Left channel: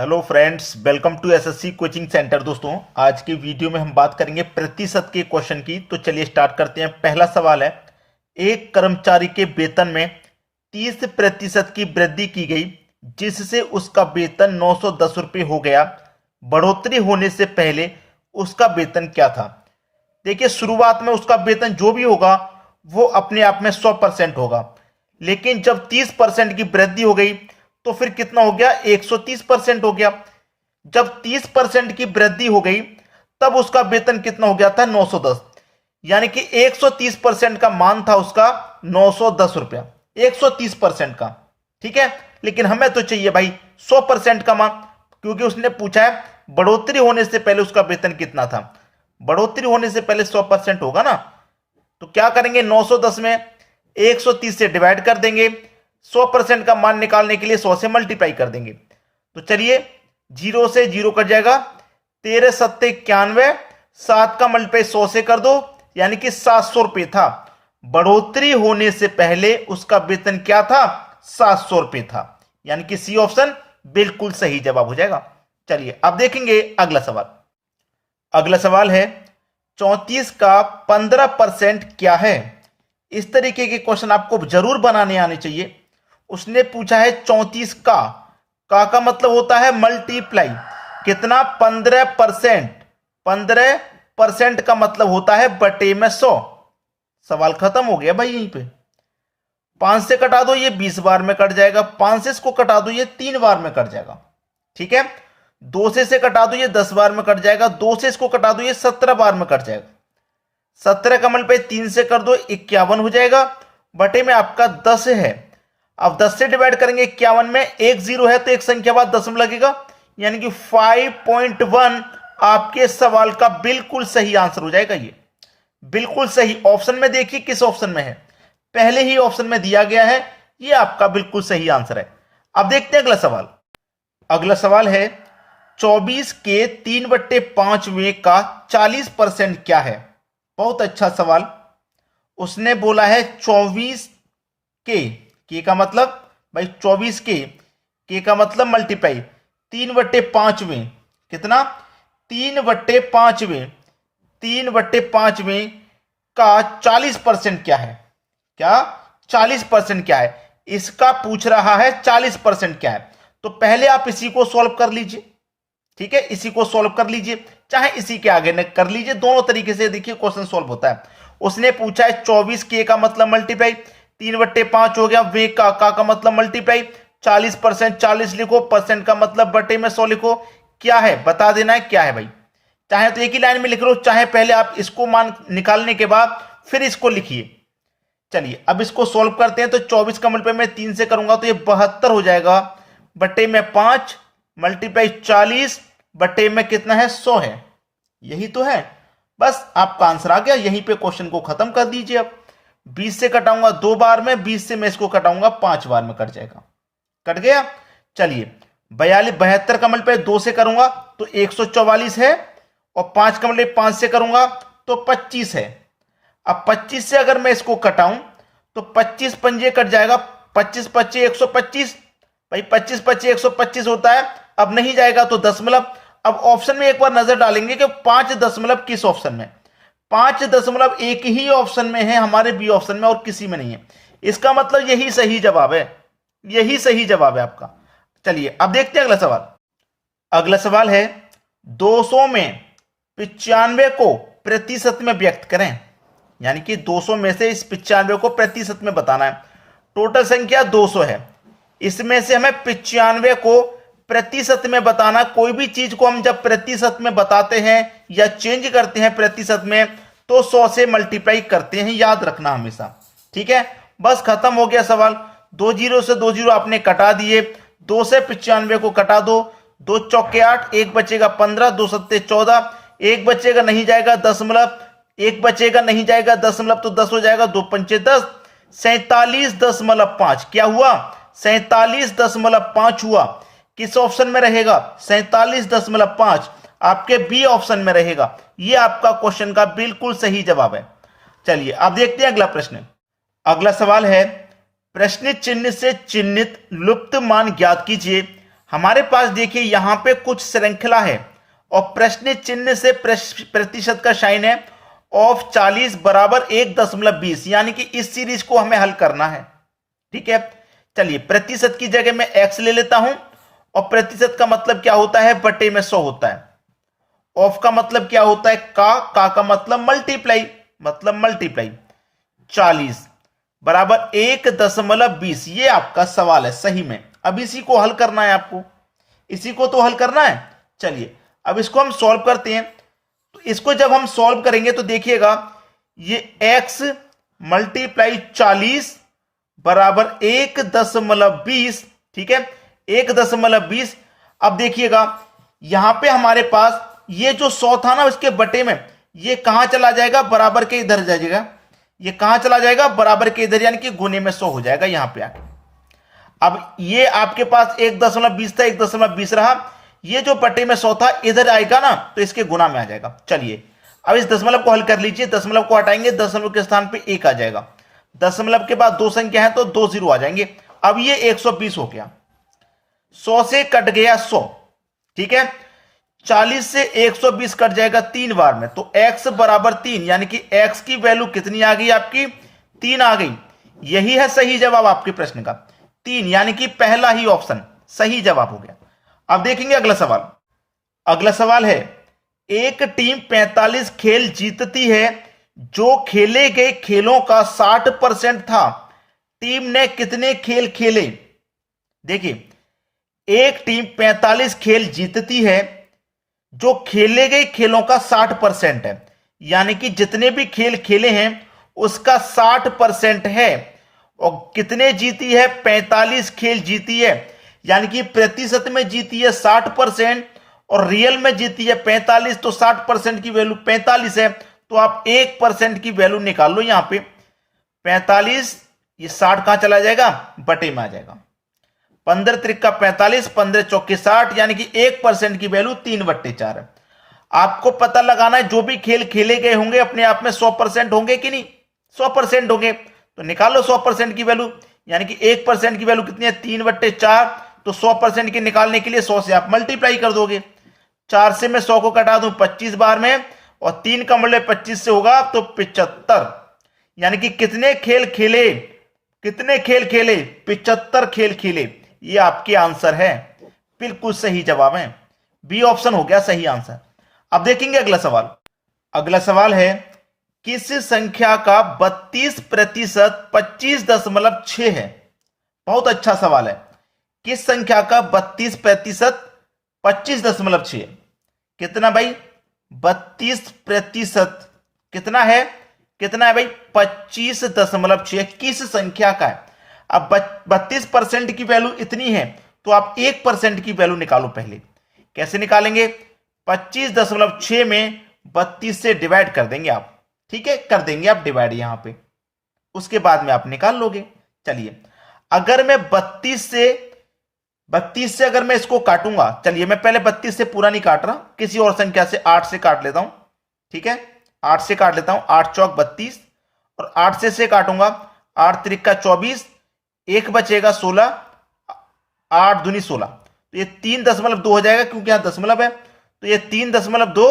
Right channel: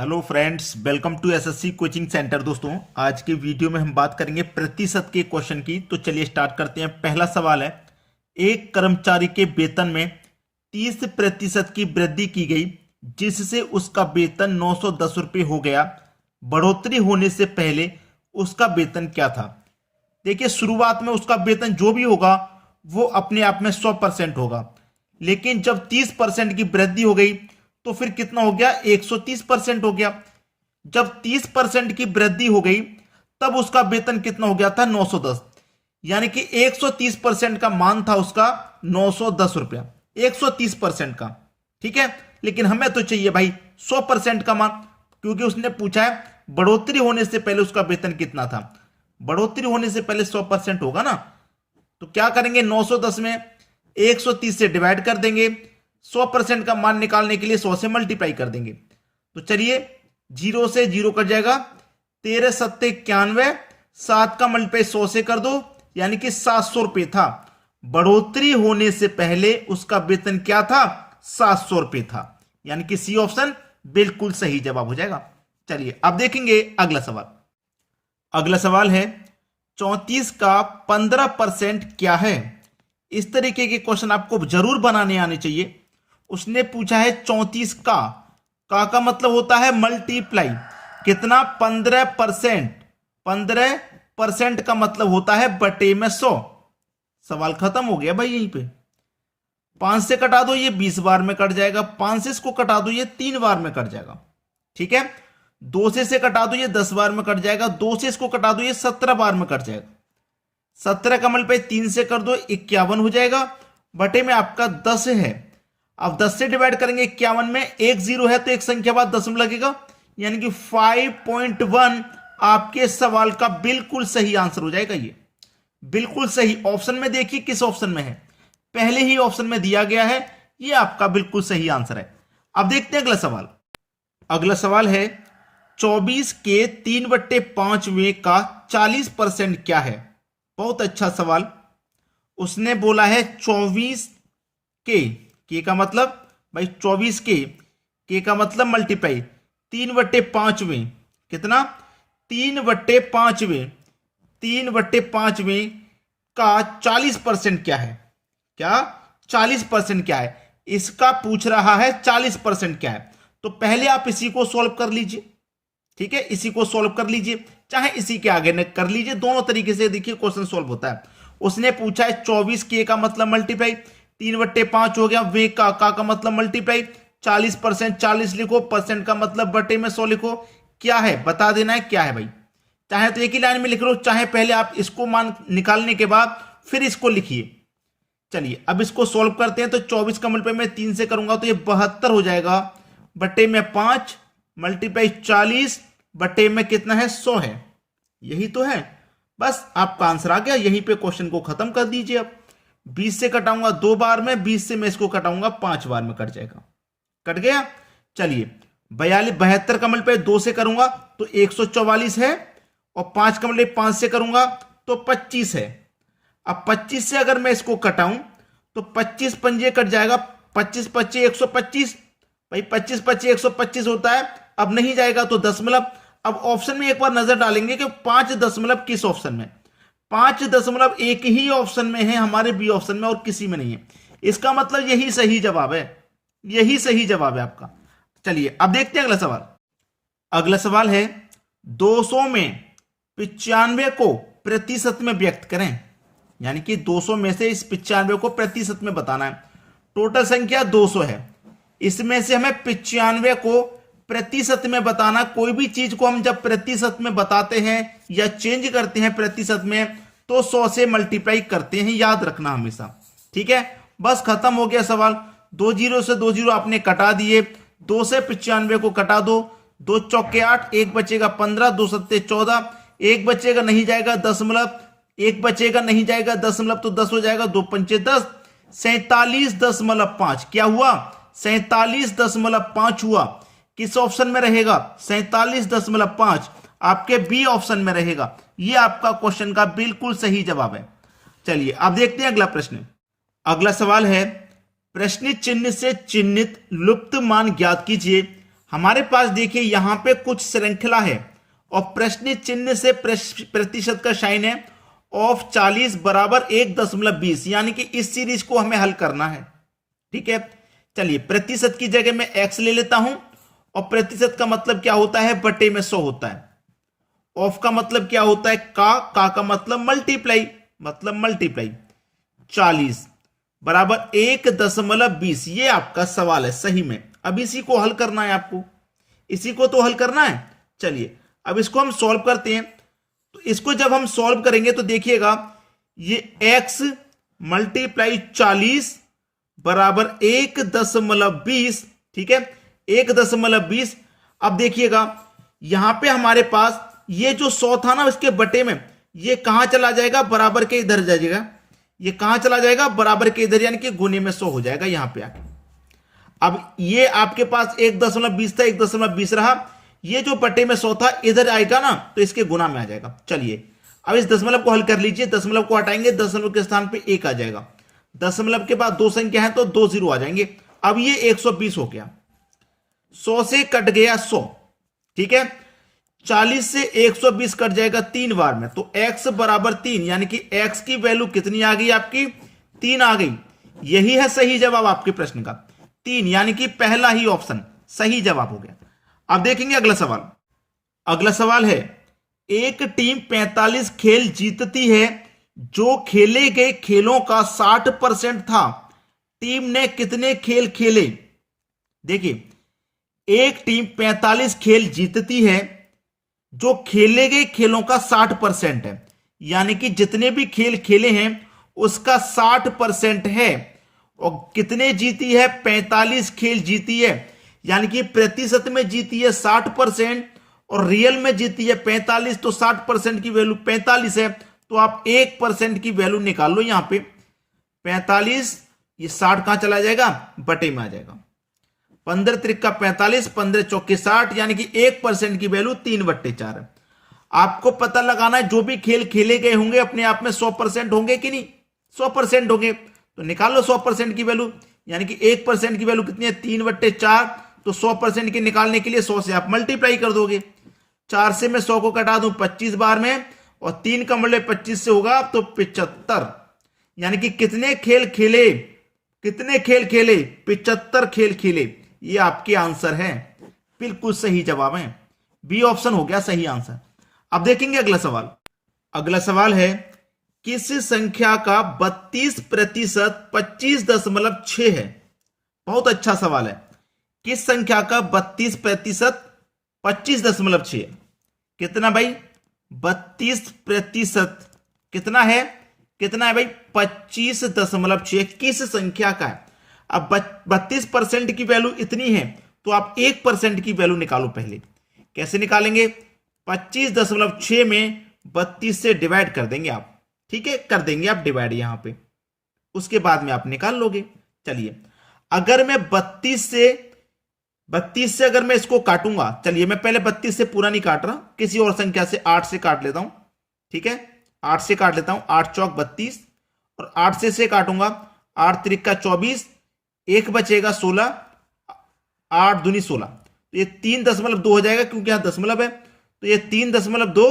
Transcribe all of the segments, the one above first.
Hello friends, welcome to SSC coaching centre. दोस्तों, आज की वीडियो में हम बात करेंगे प्रतिशत के क्वेश्चन की। तो चलिए स्टार्ट करते हैं। पहला सवाल है, एक कर्मचारी के वेतन में 30% की वृद्धि की गई जिससे उसका वेतन 910 रुपये हो गया। बढ़ोतरी होने से पहले उसका वेतन क्या था? देखिए, शुरुआत में उसका वेतन जो भी होगा वो अपने आप में 100% होगा, लेकिन जब 30% की वृद्धि हो गई तो फिर कितना हो गया? 130% हो गया। जब 30% की वृद्धि हो गई तब उसका वेतन कितना हो गया था? 910। यानी कि 130% का मान था उसका 910 रुपया, 130% का। ठीक है, लेकिन हमें तो चाहिए भाई 100% का मान, क्योंकि उसने पूछा है बढ़ोतरी होने से पहले उसका वेतन कितना था। बढ़ोतरी होने से पहले 100% होगा ना। तो क्या करेंगे? 910 में 130 से डिवाइड कर देंगे। 100% का मान निकालने के लिए 100 से मल्टीप्लाई कर देंगे। तो चलिए, 0 से 0 कट जाएगा। 13 सत्ते 91, 7 का मल्टीप्लाई 100 से कर दो, यानी कि 700 रुपये था। बढ़ोतरी होने से पहले उसका वेतन क्या था? 700 रुपये था। यानी कि सी ऑप्शन बिल्कुल सही जवाब हो जाएगा। चलिए अब देखेंगे अगला सवाल। अगला सवाल है, 34 का 15% क्या है? इस तरीके के क्वेश्चन आपको जरूर बनाने आने चाहिए। उसने पूछा है 34 का मतलब होता है मल्टीप्लाई। कितना? 15%। 15% का मतलब होता है बटे में 100। सवाल खत्म हो गया भाई। यहीं पे 5 से कटा दो, ये 20 बार में कट जाएगा। 5 से इसको कटा दो, ये 3 बार में कट जाएगा। ठीक है, 2 से कटा दो, ये 10 बार में कट जाएगा। 2 से इसको कटा दो, ये 17 बार में कट जाएगा। 17 का मल्टीप्लाई 3 से कर दो, 51 हो जाएगा। बटे में आपका 10 है। अब 10 से डिवाइड करेंगे 51 में, एक जीरो है तो एक संख्या बाद दशमलव लगेगा, यानी कि 5.1 आपके सवाल का बिल्कुल सही आंसर हो जाएगा। ये बिल्कुल सही ऑप्शन में देखिए किस ऑप्शन में है, पहले ही ऑप्शन में दिया गया है। ये आपका बिल्कुल सही आंसर है। अब देखते हैं अगला सवाल। अगला सवाल है, 24 के 3/5 का 40% क्या है? बहुत अच्छा सवाल। उसने बोला है 24 के का मतलब भाई 24 के का मतलब मल्टीप्लाई 3/5 कितना? 3/5 3/5 का 40% क्या है? क्या 40% क्या है? इसका पूछ रहा है 40% क्या है। तो पहले आप इसी को सॉल्व कर लीजिए। ठीक है, इसी को सॉल्व कर लीजिए, चाहे इसी के आगे न कर लीजिए, दोनों तरीके से देखिए क्वेश्चन सॉल्व होता है। उसने पूछा है 24 के का मतलब मल्टीप्लाई 3/5 हो गया। वे का मतलब मल्टीप्लाई 40%, 40 लिखो, परसेंट का मतलब बटे में 100 लिखो। क्या है बता देना है क्या है भाई। चाहे तो एक ही लाइन में लिख लो, चाहे पहले आप इसको मान निकालने के बाद फिर इसको लिखिए। चलिए अब इसको सॉल्व करते हैं। तो 24 का मल्टीप्लाई मैं 3 से करूंगा तो ये 72 हो जाएगा। बटे में 5 मल्टीप्लाई 40 बटे में कितना है? 100 है। यही तो है, बस आपका आंसर आ गया। यहीं पे क्वेश्चन को खत्म कर दीजिए। अब 20 से कटाऊंगा 2 बार में, 20 से मैं इसको कटाऊंगा 5 बार में, कट जाएगा। कट गया। चलिए 72 का मल्टीप्लाई 2 से करूंगा तो 144 है, और 5 का मल्टीप्लाई 5 से करूंगा तो 25 है। अब 25 से अगर मैं इसको कटाऊं तो 25 पंजे कट जाएगा। 25 25 125 भाई, 25 25 125 होता है। अब नहीं जाएगा तो दशमलव। अब ऑप्शन में एक बार नजर डालेंगे कि 5 दशमलव किस ऑप्शन में? 5 दशमलव एक ही ऑप्शन में है, हमारे बी ऑप्शन में, और किसी में नहीं है। इसका मतलब यही सही जवाब है। यही सही जवाब है आपका। चलिए अब देखते हैं अगला सवाल। अगला सवाल है, 200 में 95 को प्रतिशत में व्यक्त करें। यानी कि 200 में से इस 95 को प्रतिशत में बताना है। टोटल संख्या 200 है, इसमें से हमें 95 को प्रतिशत में बताना। कोई भी चीज को हम जब प्रतिशत में बताते हैं या चेंज करते हैं प्रतिशत में तो 100 से मल्टीप्लाई करते हैं, याद रखना हमेशा। ठीक है, बस खत्म हो गया सवाल। 2 जीरो से 2 जीरो आपने कटा दिए। 2 से 95 को कटा दो, 2 चौके 8, एक बचेगा 15, 2 सत्ते 14, एक बचेगा नहीं जाएगा दशमलव, एक बचेगा नहीं जाएगा दशमलव तो 10 हो जाएगा। 2 पंचे 10, 47.5 क्या हुआ? 47.5 हुआ। किस ऑप्शन में रहेगा? 47.5 आपके बी ऑप्शन में रहेगा। यह आपका क्वेश्चन का बिल्कुल सही जवाब है। चलिए अब देखते हैं अगला प्रश्न। अगला सवाल है, प्रश्न चिन्ह से चिन्हित लुप्त मान ज्ञात कीजिए। हमारे पास देखिए यहां पे कुछ श्रृंखला है और प्रश्न चिन्ह से प्रतिशत का साइन है ऑफ 40 बराबर 1.20, यानी कि इस सीरीज को हमें हल करना है। ठीक है, चलिए प्रतिशत की जगह मैं x ले लेता हूं और प्रतिशत का मतलब क्या होता है, बटे में 100 होता है। ऑफ का मतलब क्या होता है, का मतलब मल्टीप्लाई 40 बराबर 1.20। ये आपका सवाल है सही में। अब इसी को हल करना है आपको, इसी को तो हल करना है। चलिए अब इसको हम सॉल्व करते हैं। तो इसको जब हम सॉल्व करेंगे तो देखिएगा ये x मल्टीप्लाई 40 बराबर 1.20। ठीक है, 1.20। अब देखिएगा यहां पे हमारे पास ये जो 100 था ना, उसके बटे में ये कहां चला जाएगा, बराबर के इधर जाएगा। ये कहां चला जाएगा, बराबर के इधर, यानी कि गुने में 100 हो जाएगा यहां पे आके। अब ये आपके पास 1.20 था, 1.20 रहा। ये जो बटे में 100 था इधर आएगा ना, तो इसके गुना में आ जाएगा। चलिए अब इस दशमलव को हल कर लीजिए। दशमलव को हटाएंगे, दशमलव के स्थान पे 1 आ जाएगा। दशमलव के बाद 2 संख्या है तो 2 0 आ जाएंगे। अब ये 120 हो गया, 100 से कट गया 100। ठीक है, 40 से 120 कट जाएगा 3 बार में, तो x बराबर 3, यानी कि x की वैल्यू कितनी आ गई आपकी, 3 आ गई। यही है सही जवाब आपके प्रश्न का, 3, यानी कि पहला ही ऑप्शन सही जवाब हो गया। अब देखेंगे अगला सवाल। अगला सवाल है, एक टीम 45 खेल जीतती है जो खेले गए खेलों का 60% था। टीम ने कितने खेल खेले। देखिए एक टीम 45 खेल जीतती है जो खेले गए खेलों का 60% है, यानी कि जितने भी खेल खेले हैं उसका 60% है। और कितने जीती है, 45 खेल जीती है, यानी कि प्रतिशत में जीती है 60% और रियल में जीती है 45। तो 60% की वैल्यू 45 है, तो आप 1% की वैल्यू निकाल लो। यहां पे 45, ये 60 कहां चला जाएगा, बटे में आ जाएगा। 15 त्रिका 45, 15 चौके 60, यानी कि 1% की वैल्यू 3/4 है। आपको पता लगाना है जो भी खेल खेले गए होंगे अपने आप में 100% होंगे कि नहीं, 100% होंगे, तो निकालो 100% की वैल्यू, यानी कि 1% की वैल्यू कितनी है, 3/4। तो 100% के निकालने के लिए 100 से आप मल्टीप्लाई कर दोगे। 4 से मैं 100 को कटा दूं 25 बार में, और 3 का मूल्य 25 से होगा तो 75, यानी कि कितने खेल खेले, 75 खेल खेले। ये आपके आंसर है, बिल्कुल सही जवाब है, बी ऑप्शन हो गया सही आंसर। अब देखेंगे अगला सवाल। अगला सवाल है, किस संख्या का 32% 25.6 है। बहुत अच्छा सवाल है। किस संख्या का 32% 25.6 कितना भाई, 32% कितना है भाई, 25.6 किस संख्या का है। अब 32% की वैल्यू इतनी है तो आप 1% की वैल्यू निकालो। पहले कैसे निकालेंगे, 25.6 में 32 से डिवाइड कर देंगे आप। ठीक है, कर देंगे आप डिवाइड यहां पे, उसके बाद में आप निकाल लोगे। चलिए अगर मैं 32 से अगर मैं इसको काटूंगा, चलिए मैं पहले 32 से पूरा नहीं काट रहा, किसी और संख्या से 8 से काट लेता हूं। ठीक है, 8 से काट लेता हूं, 8 चौक 32, और 8 से काटूंगा, 8 त्रिका 24, 1 बचेगा 16, 8 दूनी 16, तो ये 3.2 हो जाएगा क्योंकि यहां दशमलव है, तो ये 3.2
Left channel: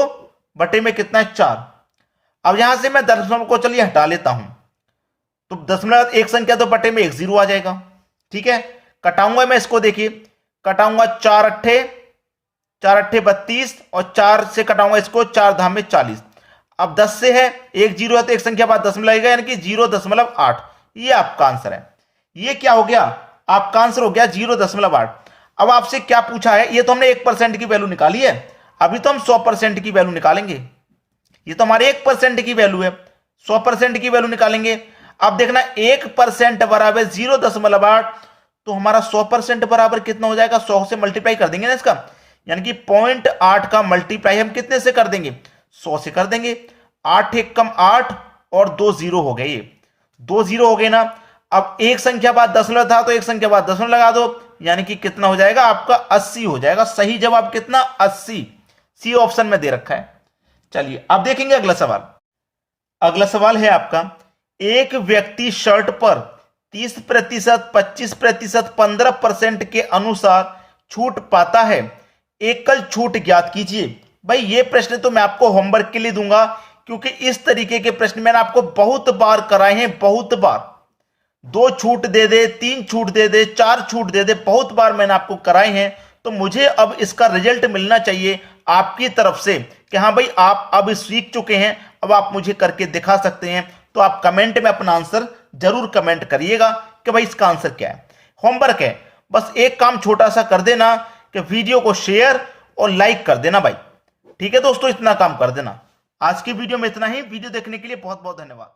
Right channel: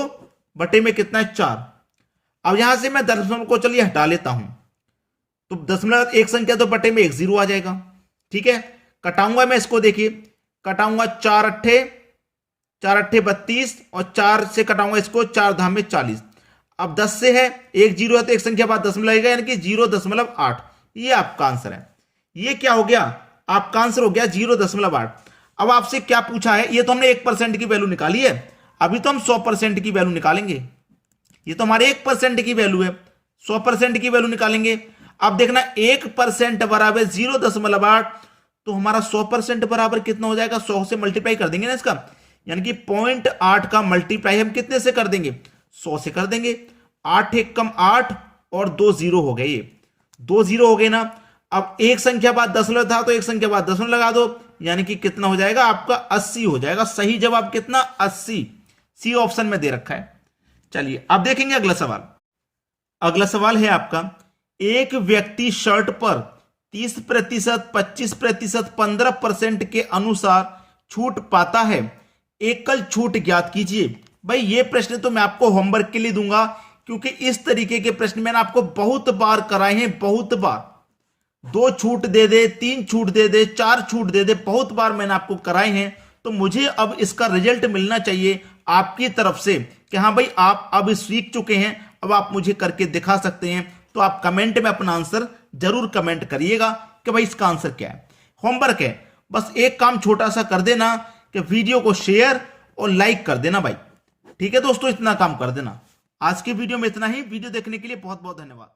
बटे में कितना है, 4। अब यहां से मैं दशमलव को चलिए हटा लेता हूं, तो दशमलव एक संख्या तो बटे में 1 0 आ जाएगा। ठीक है, कटाऊंगा मैं इसको, देखिए कटाऊंगा 4 अट्ठे 32, और 4 से कटाऊंगा इसको, 4 धाम में 40। अब 10 से है, 1 0 है तो एक संख्या बाद दशमलव लगेगा, यानी कि 0.8। ये आपका आंसर है। ये क्या हो गया, आपका आंसर हो गया 0.8। अब आपसे क्या पूछा है, ये तो हमने 1% की वैल्यू निकाली है, अभी तो हम 100% की वैल्यू निकालेंगे। ये तो हमारे 1% की वैल्यू है, 100% की वैल्यू निकालेंगे। अब देखना 1% बराबर 0.8, तो हमारा 100% बराबर कितना हो जाएगा, 100 से मल्टीप्लाई कर देंगे ना इसका, यानी कि 0.8 का मल्टीप्लाई हम कितने से कर देंगे, 100 से कर देंगे। 8 एक कम 8 और 2 0 हो गए, ये 2 0 हो गए ना। अब एक संख्या बाद दशमलव था तो एक संख्या बाद दशमलव लगा दो, यानी कि कितना हो जाएगा आपका 80 हो जाएगा। सही जवाब कितना, 80, सी ऑप्शन में दे रखा है। चलिए अब देखेंगे अगला सवाल। अगला सवाल है आपका, एक व्यक्ति शर्ट पर 30%, 25%, 15% के अनुसार छूट पाता है, एकल छूट ज्ञात कीजिए। भाई ये प्रश्न तो मैं आपको होमवर्क के लिए दूंगा, क्योंकि इस तरीके के प्रश्न मैंने आपको बहुत बार कराए हैं, बहुत बार। 2 छूट दे दे, 3 छूट दे दे, 4 छूट दे दे, बहुत बार मैंने आपको कराए हैं। तो मुझे अब इसका रिजल्ट मिलना चाहिए आपकी तरफ से कि हाँ भाई आप अब सीख चुके हैं, अब आप मुझे करके दिखा सकते हैं। तो आप कमेंट में अपना आंसर जरूर कमेंट करिएगा कि भाई इसका आंसर क्या है। होमवर्क है, बस एक काम छोटा सा कर देना कि वीडियो को शेयर और लाइक कर देना भाई। ठीक है दोस्तों, इतना काम कर देना। आज की वीडियो में इतना ही। वीडियो देखने के लिए बहुत बहुत धन्यवाद।